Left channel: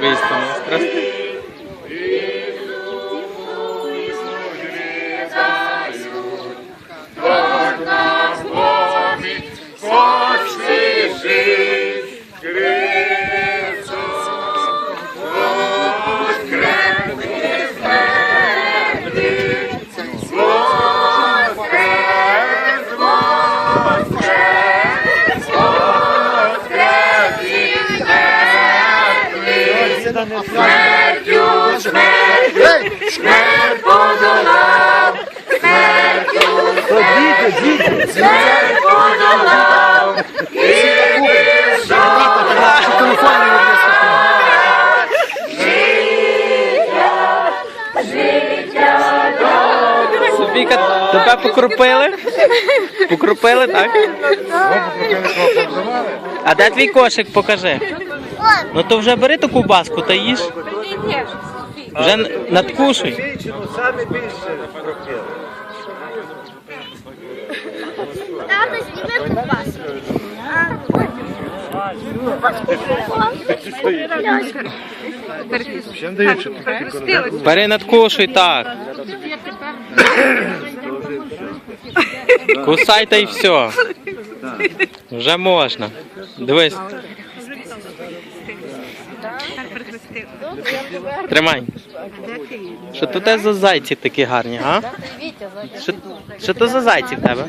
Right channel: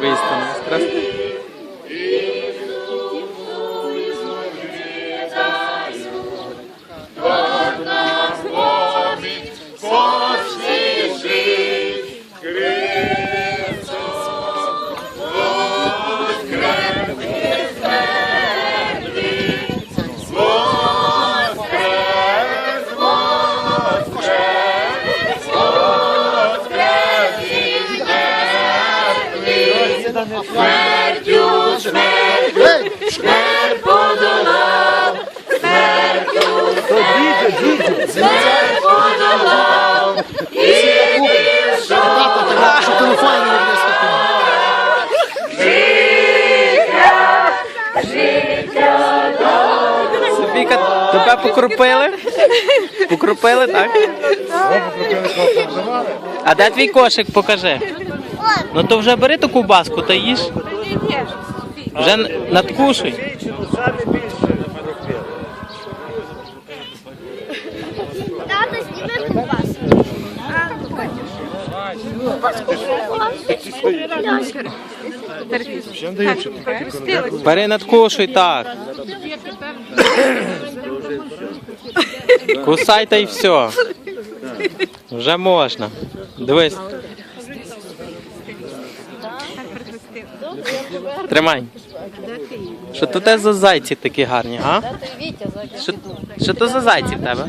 Весь там страшный. Зараз. Софійка, тебе покрупили? Покрупили, так? А де твій кошик, покажи. Ну то вже бери ту ковбаску та їж. Вже надкушуй. Дівчину саме більше пропили. Тато зніме ковбаску. Бери надкушуй так. Кусай та й все. Вже можна. Дивись. Тримай. Що то те за зайці такі гарні, а? Що, то за зайці в тебе?